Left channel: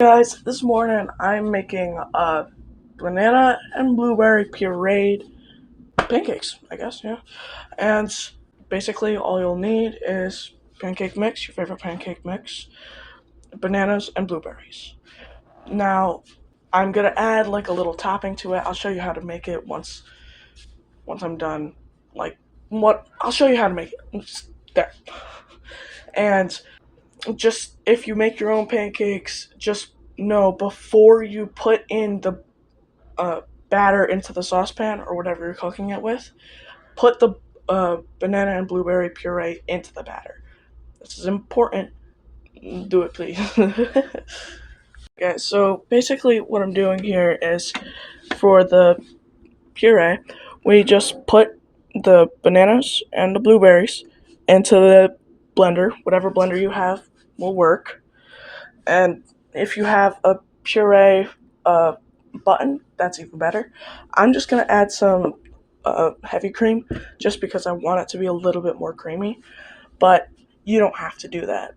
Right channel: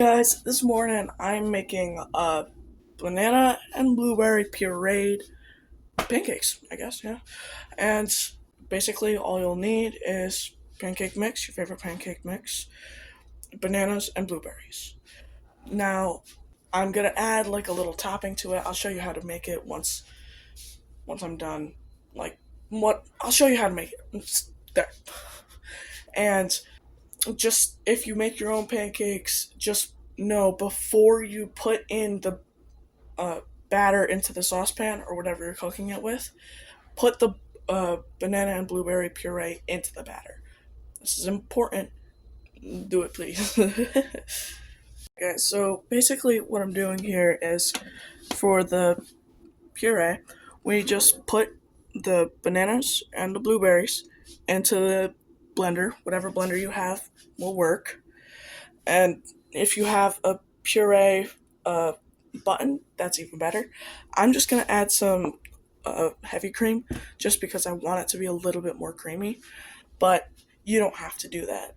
Guys, this morning I'm making banana and blueberry pureed pancakes, I guess, yeah. And basically all you'll need is pancake mix, your favorite pancake mix, bananas and blueberries. Now, I'm gonna add like a little topping to it. I'll show you how to make it once I'm done. Like what I'll show you how to make it. There. And just if you make your own pancakes, just know before you put in the uh, batter into the saucepan or whatever you're cooking it with, put the banana and blueberry puree into the batter. This is important. Do it, please. Okay, so basically, what I'm doing here is for the puree, we just put the bananas and the blueberries into the blender. Whatever blender you have will work. And if you have a puree button, that's even better. I'm just gonna add some heavy cream just because I want it to be a little bit more creamy, but you don't have to do that.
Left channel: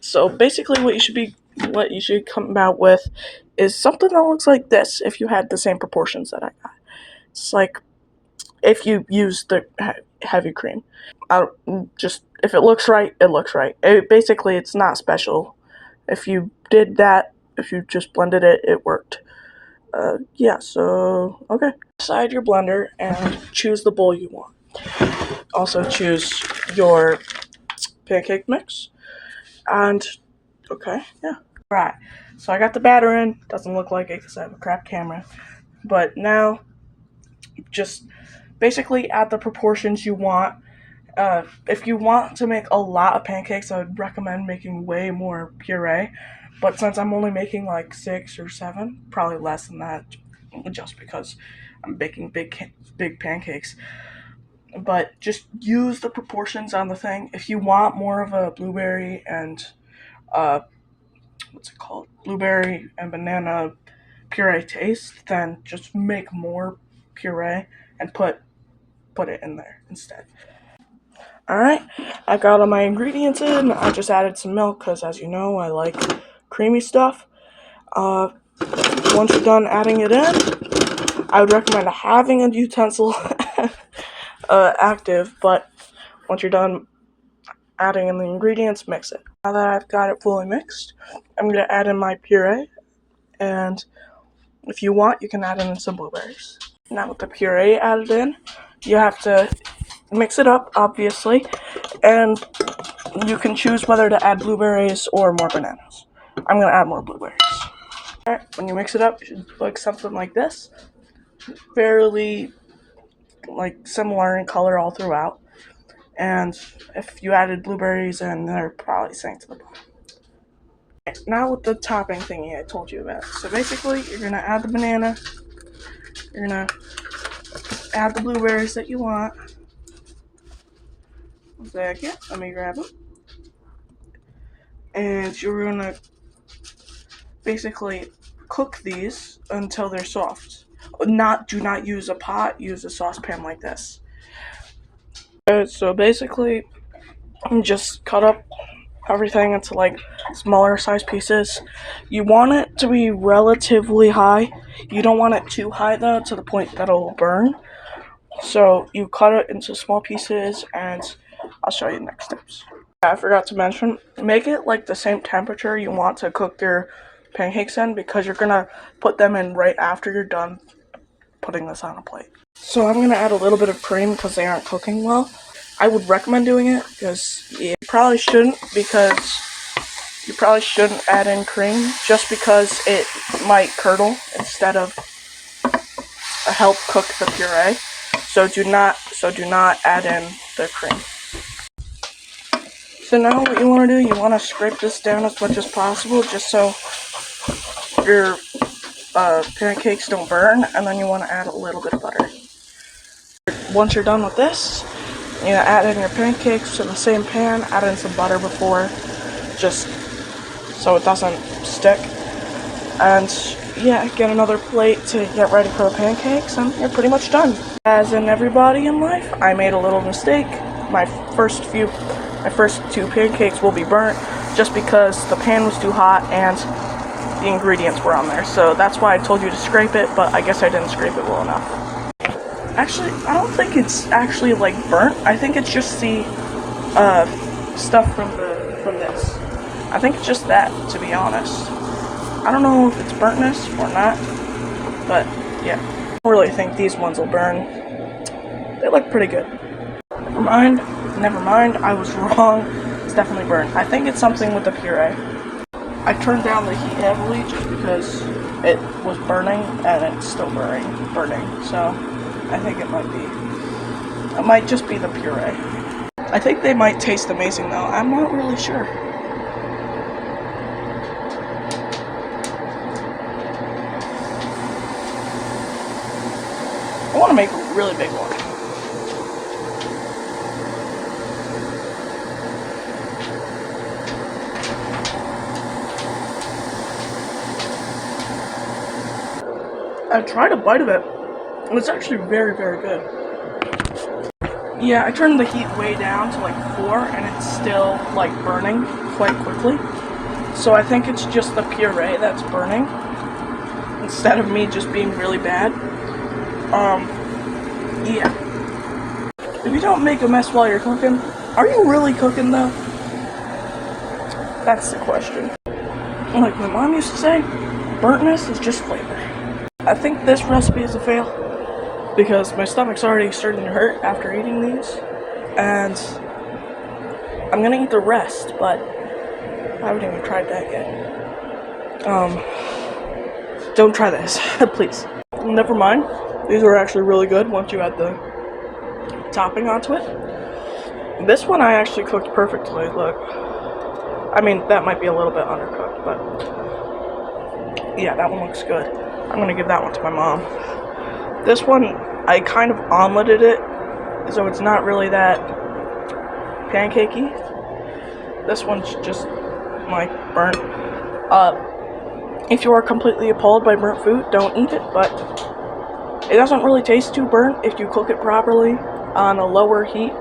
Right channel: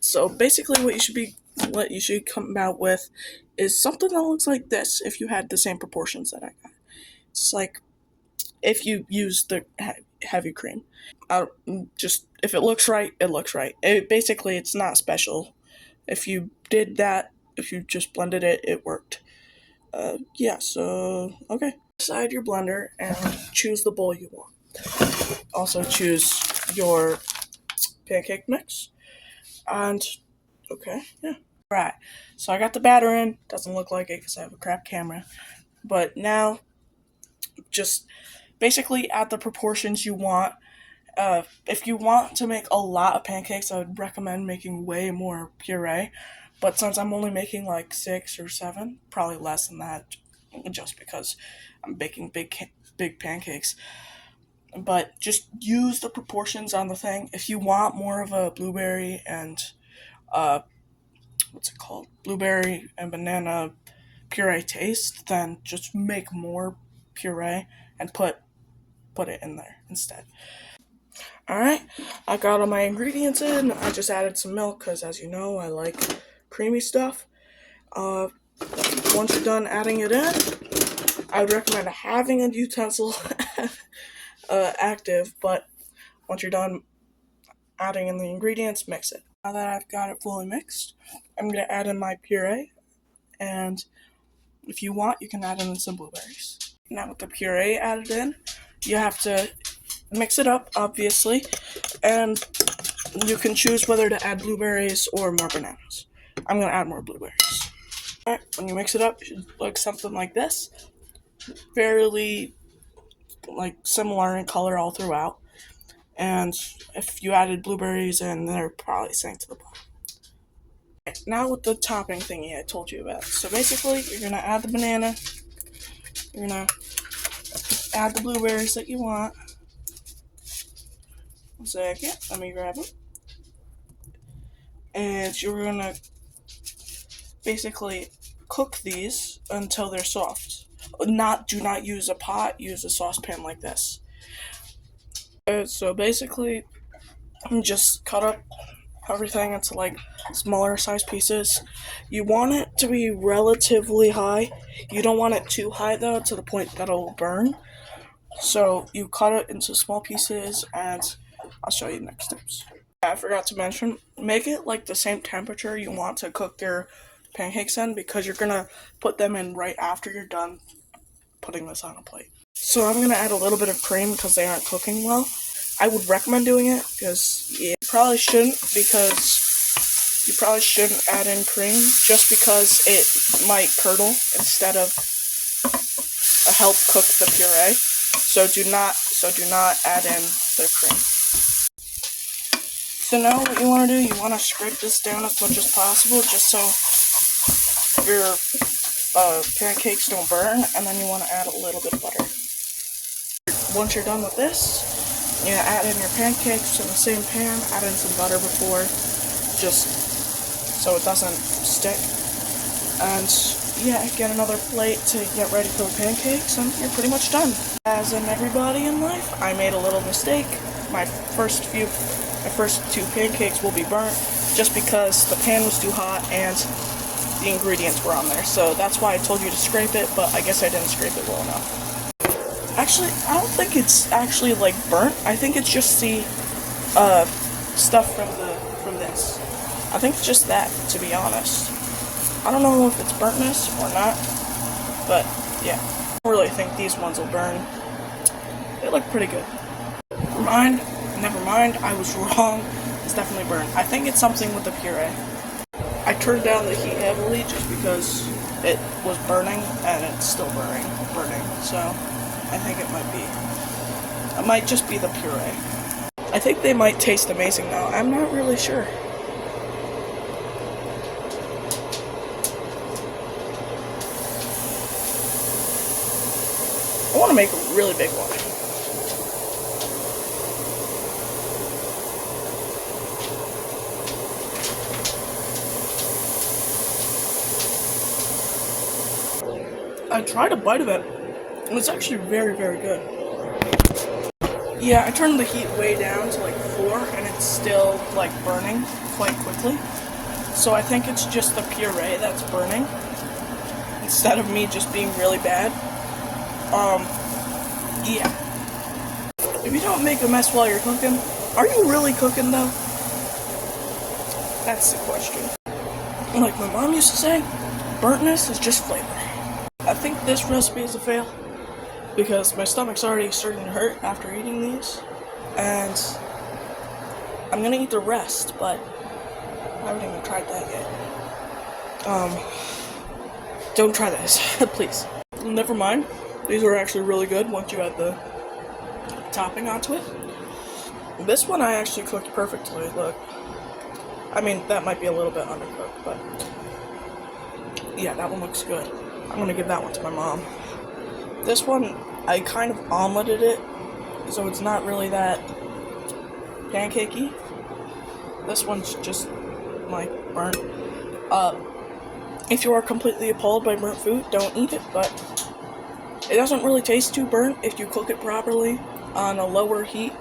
So basically, what you should come out with is something that looks like this. If you had the same proportions that I got, it's like if you use the heavy cream. I just if it looks right, it looks right. Basically, it's not special. If you did that, if you just blended it, it worked. Yeah, so, okay. Decide your blender and choose the bowl you want. Also choose your pancake mix. And, okay, yeah. Right, so I got the batter in. Doesn't look like it because I have a crap camera. But now, just basically add the proportions you want. If you want to make a lot of pancakes, I would recommend making way more puree. But since I'm only making like 6 or 7, probably less than that, just because I'm baking big pancakes. But just use the proportions on the thing. If you want more of a blueberry and uh, what's it called? Blueberry and banana puree taste, then just make more puree and put it in there instead. Alright, I got all my ingredients in. I just added some milk because, as you know, I like creamy stuff. Once you're done adding it in, I would recommend having a utensil active, but once you're done adding in the ingredients, mix it. Now that I've got it fully mixed, I'm going to add in my puree, and if you want, you can add in some blueberries. Now with the puree added in, you have to mix it up, obviously, and you can choose whether to add blueberries or more bananas. I'm going to add more blueberries. Alright, when you mix it up, it should look something like this. Fairly, like, similar in color all throughout. And if you added blueberries in, they're probably sank to the bottom. Right, now with the topping thingy I told you about. So basically, you're going to add the banana. You're going to add the blueberries that you want. One second, let me grab them. And you're going to basically cook these until they're soft. Do not use a pot, use a saucepan like this. So basically, just cut up everything into like smaller size pieces. You want it to be relatively high. You don't want it too high though, to the point that it'll burn. So you cut it into small pieces, and I'll show you the next steps. I forgot to mention, make it like the same temperature you want to cook your pancakes in, because you're gonna put them in right after you're done putting this on a plate. So I'm gonna add a little bit of cream because they aren't cooking well. I would recommend doing it because you probably shouldn't add in cream just because it might curdle instead of help cook the puree. So do not add in the cream. So now what you want to do, you want to scrape this down as much as possible just so your pancakes don't burn, and then you want to add a little bit of butter. Once you're done with this, you add in your pancakes in the same pan, add in some butter before, just so it doesn't stick, and yeah, get another plate to get ready for the pancakes, and you're pretty much done. As in everybody in life, I made a little mistake. My first two pancakes will be burnt just because the pan was too hot and the ingredients were on there. So that's why I told you to scrape it, but I guess I didn't scrape it well enough. Actually, I don't think it's actually like burnt. I think it's just the stuff from this. I think it's just that, to be honest. I don't know if it's burntness or not, but yeah. I don't really think these ones will burn. They look pretty good. Never mind, I was wrong. It's definitely burnt. I think it's something with the puree. I turned down the heat heavily just because it was burning and it's still burning. So I think it might just be the puree. I think they might taste amazing though. I'm not really sure. I want to make a really big one. I tried a bite of it, and it's actually very, very good. Yeah, I turned the heat way down to like 4, and it's still like burning quite quickly. So I think it's just the puree that's burning, instead of me just being really bad. Yeah. If you don't make a mess while you're cooking, are you really cooking though? That's the question. Like my mom used to say, burntness is just flavor. I think this recipe is a fail because my stomach's already starting to hurt after eating these, and I'm gonna eat the rest, but I haven't even tried that yet. Don't try this, please. Never mind. These are actually really good once you add the topping onto it. This one I actually cooked perfectly, look. I mean, that might be a little bit undercooked, but yeah, that one looks good. I'm gonna give that one to my mom. This one, I kind of omeletted it, so it's not really that pancakey. This one's just like burnt. If you are completely appalled by burnt food, don't eat it, but it doesn't really taste too burnt if you cook it properly on a lower heat.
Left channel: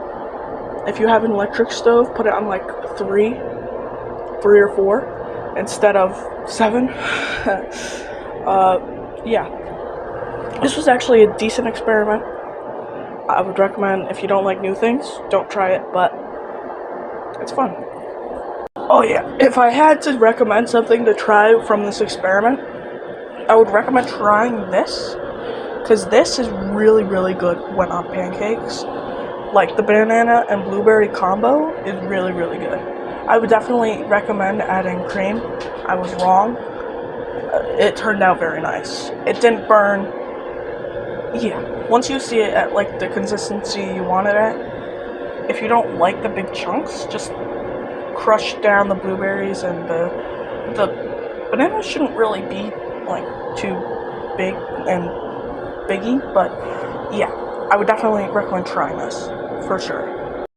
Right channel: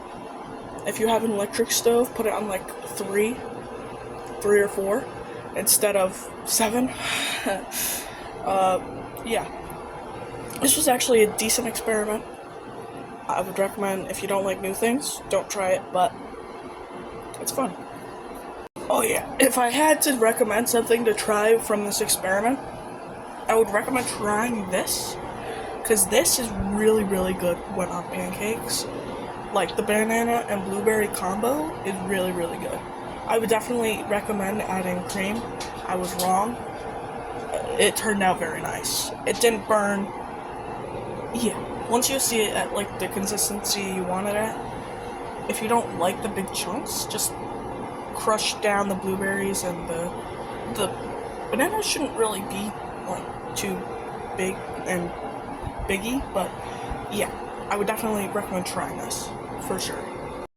If you have an electric stove, put it on like 3 or 4 instead of 7. Yeah. This was actually a decent experiment. I would recommend, if you don't like new things, don't try it, but it's fun. Oh yeah, if I had to recommend something to try from this experiment, I would recommend trying this, because this is really, really good when on pancakes. Like the banana and blueberry combo is really, really good. I would definitely recommend adding cream. I was wrong. It turned out very nice. It didn't burn. Yeah, once you see it at like the consistency you want it at, if you don't like the big chunks, just crush down the blueberries, and the bananas shouldn't really be like too big and biggy, but yeah, I would definitely recommend trying this, for sure.